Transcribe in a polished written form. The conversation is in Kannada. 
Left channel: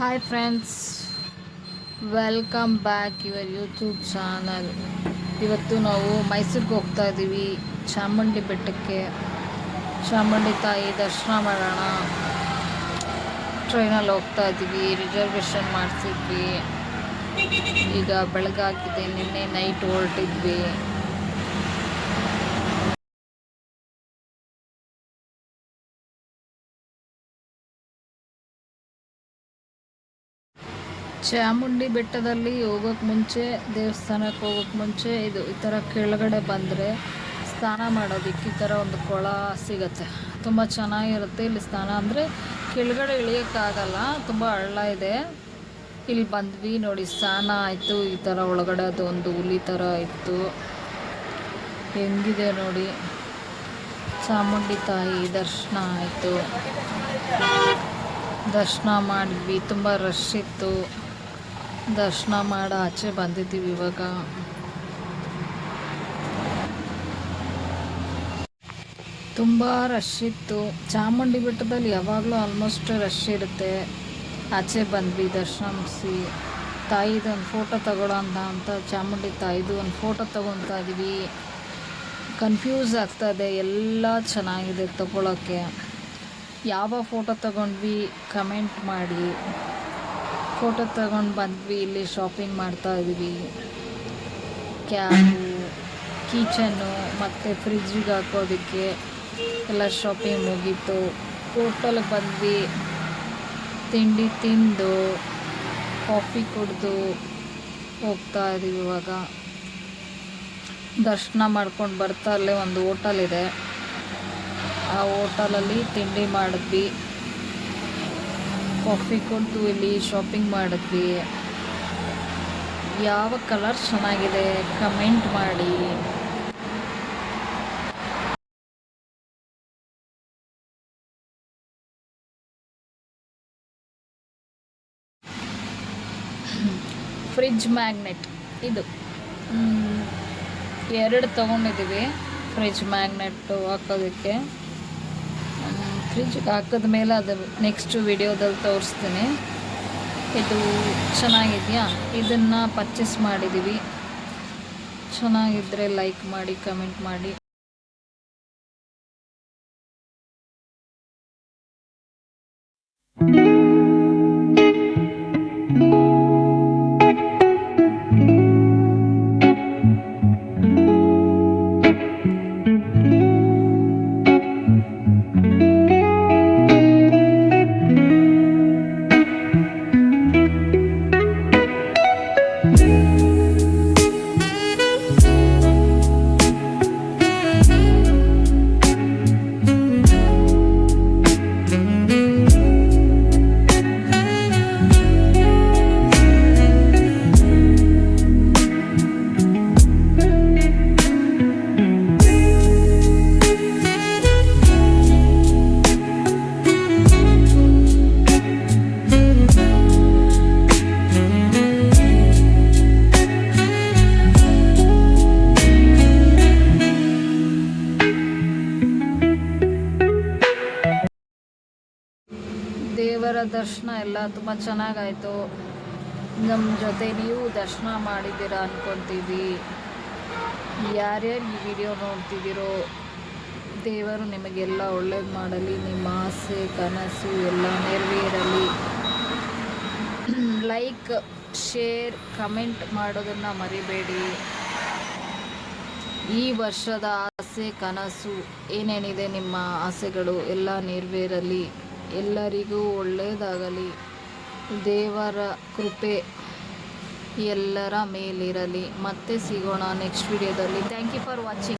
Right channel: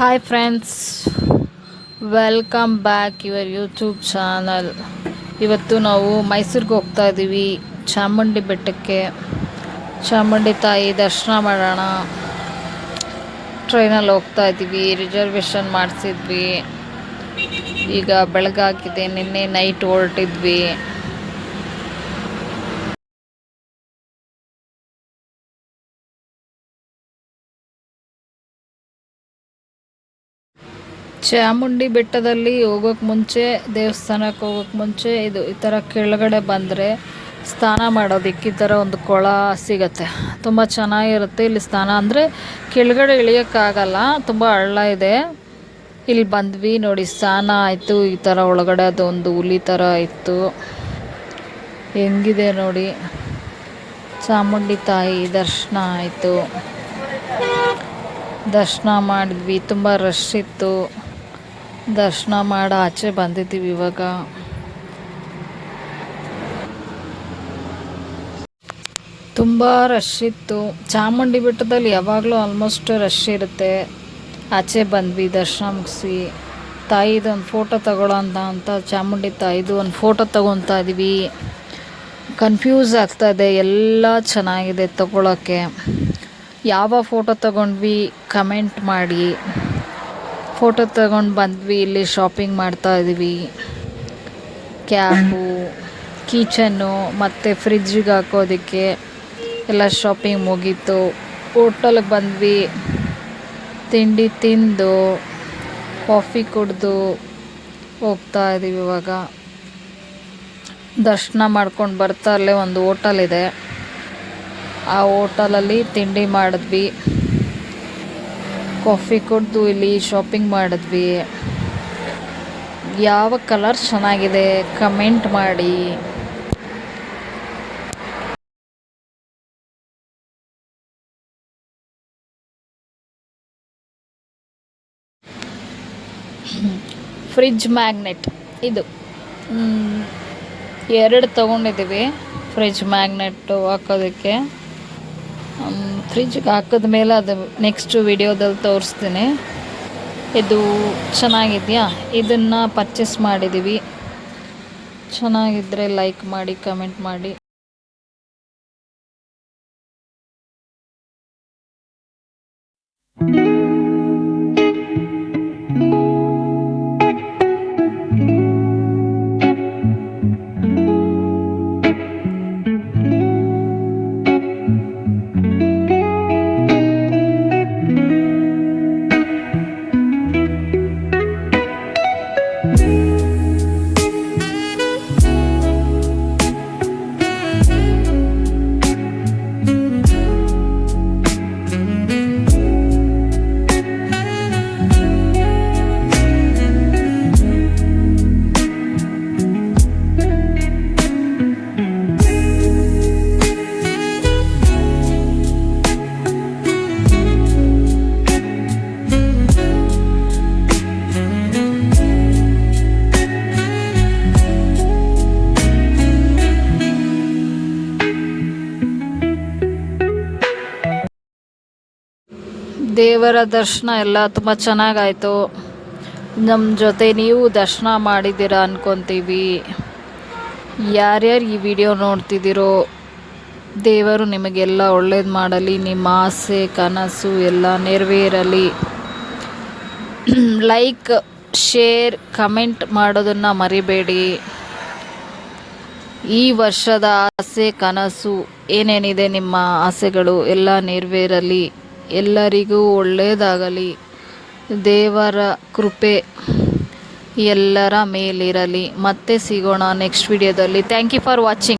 Hi friends, welcome back your YouTube channel. ಇವತ್ತು ನಾವು ಮೈಸೂರಿಗೆ ಹೋಗ್ತಾ ಇದ್ದೀವಿ, ಚಾಮುಂಡಿ ಬೆಟ್ಟಕ್ಕೆ. ಚಾಮುಂಡಿ ತಾಯಿ ದರ್ಶನ ಮಾಡೋಣ. ಟ್ರೈನಲ್ಲಿ ಹೋಗ್ತಾ ಇದ್ದೀವಿ, ರಿಸರ್ವೇಷನ್ ಮಾಡಿಸಿದ್ವಿ. ಈಗ ಬೆಳಗಾಗಿದೆ, ನಿನ್ನೆ ನೈಟ್ ಹೊರಟಿದ್ವಿ. ಚಾಮುಂಡಿ ಬೆಟ್ಟದಲ್ಲಿ ಹೋಗೋಕ್ಕೆ ಮುಂಚೆ, ದೇವಸ್ಥಾನಕ್ಕೆ ಹೋಗೋಕ್ಕೆ ಮುಂಚೆ ಈ ಥರ ಕೆಳಗಡೆ ಬಂದರೆ ಸ್ನಾನ ಮಾಡೋದಕ್ಕೆ ಈ ಥರ ಒಂದು ಕೊಳ ಸಿಗತ್ತೆ. ತುಂಬ ಚೆನ್ನಾಗಿರುತ್ತೆ ಇಲ್ಲಿ ಸ್ನಾನ. ಅಂದರೆ ಕೆಳಗಡೆ ಇಳಿಯೋಕ್ಕಾಗಲ್ಲ, ತುಂಬ ಹಳ್ಳ ಇದೆ. ಇಲ್ಲಿ ಬಂದ್ವಿ ನೋಡಿ, ಸ್ನಾನ ಆಯಿತು. ಈ ಥರ ಒಳಗಡೆ ಅದೊಂದು ಹುಲಿ ಥರ ಇತ್ತು, ಹೆಂಗಿದೆ ನೋಡಿ. ಚಾಮುಂಡಿ ತಾಯಿ ದರ್ಶನ ಆಯಿತು, ದರ್ಶನ ಮಾಡಿದ್ವಿ. ತುಂಬ ರಶ್ ಇತ್ತು. ದರ್ಶನ ಮಾಡಿ ಆಚೆ ಬಂದಿದ್ದೀವಿ ಇವಾಗ. ತುಂಬ ರಶ್ ಇತ್ತು. ಚಾಮುಂಡಿ ಬೆಟ್ಟದಲ್ಲಿ ಯಾವಾಗಲೂ ಆಲ್ಮೋಸ್ಟ್ ರಶ್ ಇರುತ್ತೆ. ಆಚೆ ಬಂದ್ವಿ ದರ್ಶನ ಮುಗಿಸಿ. ತಾಯಿದು ಒಂದು ಫೋಟೋ ತಗೊಳ್ಳೋಣ ಅಂತ ಚಾಮುಂಡಿ ತಾಯಿದು ಒಂದು ಫೋಟೋ ತಗೊತಾ ಇದ್ದೀವಿ. ಕನ್ಫ್ಯೂಸ್ ಆಗ್ತಾಯಿದೆ, ಎಲ್ಲ ಚೆನ್ನಾಗಿದೆ ತಗೊಳ್ಳೋಕ್ಕೆ. ಯಾವ ಫೋಟೋ ತಗೊಂಡ್ವಿ ಕಮೆಂಟ್ ಮಾಡಿ. ಫೋಟೋ ತಗೊಂಡು ಬಂದ್ವಿ. ಇಲ್ಲಿ ಶಾಪಿಂಗ್ ಮಾಡ್ತಾ ಇದ್ದೀವಿ. ಕ್ಯಾಪು, ಕಿಚನ್ನು ಮತ್ತು ಫ್ರಿಜ್ಜಿಗೆ ಹಾಕೋದಕ್ಕೆ ಎಲ್ಲ ಶಾಪಿಂಗ್ ಮುಗೀತು. ಹೋಟೆಲ್ಗೆ ಬಂದ್ವಿ, ತಿಂಡಿ ತಿಂದು ಕಾಫಿ ಕುಡಿದು ಹೋಗ್ತಾ ಇದ್ದೀವಿ ಇವಾಗ. ದರ್ಶನ ಮಾಡ್ಕೊಂಡು ಬರ್ತಾ ಅಲ್ಲೇ ಒಂದು ಹೋಟೆಲ್ ಇದೆ, ಆ ಹೋಟೆಲಲ್ಲಿ ತಿಂಡಿ ಮಾಡಿದ್ವಿ. ಕಾಫಿ ಕುಡಿದು ಇಲ್ಲಿ ಶಾಪಿಂಗ್ ಮಾಡಿದ್ವಿ. ಯಾವ ಕಲರ್ ಚೆನ್ನಾಗಿದೆ ಕಮೆಂಟ್ ಮಾಡಿ. ಫ್ರಿಡ್ಜ್ ಮ್ಯಾಗ್ನೆಟ್ ಇದು 2 ತೊಗೊಂಡಿದ್ದೀವಿ. ಫ್ರಿಡ್ಜ್ ಮ್ಯಾಗ್ನೆಟ್ಟು ಹಾಕೋದಕ್ಕೆ. ಫ್ರಿಜ್ಗೆ ಹಾಕಿದ ಮೇಲೆ ಅದು ನೆಕ್ಸ್ಟ್ ವಿಡಿಯೋದಲ್ಲಿ ತೋರಿಸ್ತೀನಿ. ಇದು ಚೆನ್ನಾಗಿದೆಯಾ, ಇದನ್ನು ಪರ್ಚೇಸ್ ಮಾಡಿದ್ದೀವಿ. ಚೆನ್ನಾಗಿದ್ದರೆ ಲೈಕ್ ಮಾಡಿ, ಕಮೆಂಟ್ ಮಾಡಿ. ದೇವರ ದರ್ಶನ ಎಲ್ಲ ತುಂಬ ಚೆನ್ನಾಗಾಯಿತು. ನಮ್ಮ ಜೊತೆ ನೀವು ದರ್ಶನ ಮಾಡಿದ್ದೀರಾ ಅಂದ್ಕೊತೀವಿ. ಯಾರ್ಯಾರು ಈ ವಿಡಿಯೋ ನೋಡ್ತಿದ್ದೀರೋ, ದೇವರು ನಿಮಗೆಲ್ಲ ಒಳ್ಳೇದು ಮಾಡಲಿ. ನಿಮ್ಮ ಆಸೆ ಕನಸು ಎಲ್ಲ ನೆರವೇರಲಿ. ಲೈಕ್, ಶೇರ್, ಕಮೆಂಟ್ ಮಾಡೋದನ್ನು ಮರಿಬೇಡಿ. ಈ ವರ್ಷದ ಆಸೆ ಕನಸು ಏನೇನಿದೆ, ನಿಮ್ಮ ಆಸೆಗಳು ಎಲ್ಲ ನೆರವೇರಲಿ. ಎಲ್ಲರಿಗೂ ಒಳ್ಳೆಯದಾಗಲಿ. ದೇವರ ಕೃಪೆ ಎಲ್ಲರ ಮೇಲಿರಲಿ. ಮತ್ತೆ ಸಿಗೋಣ ನೆಕ್ಸ್ಟ್ ವಿಡಿಯೋದಲ್ಲಿ. Thank you for watching.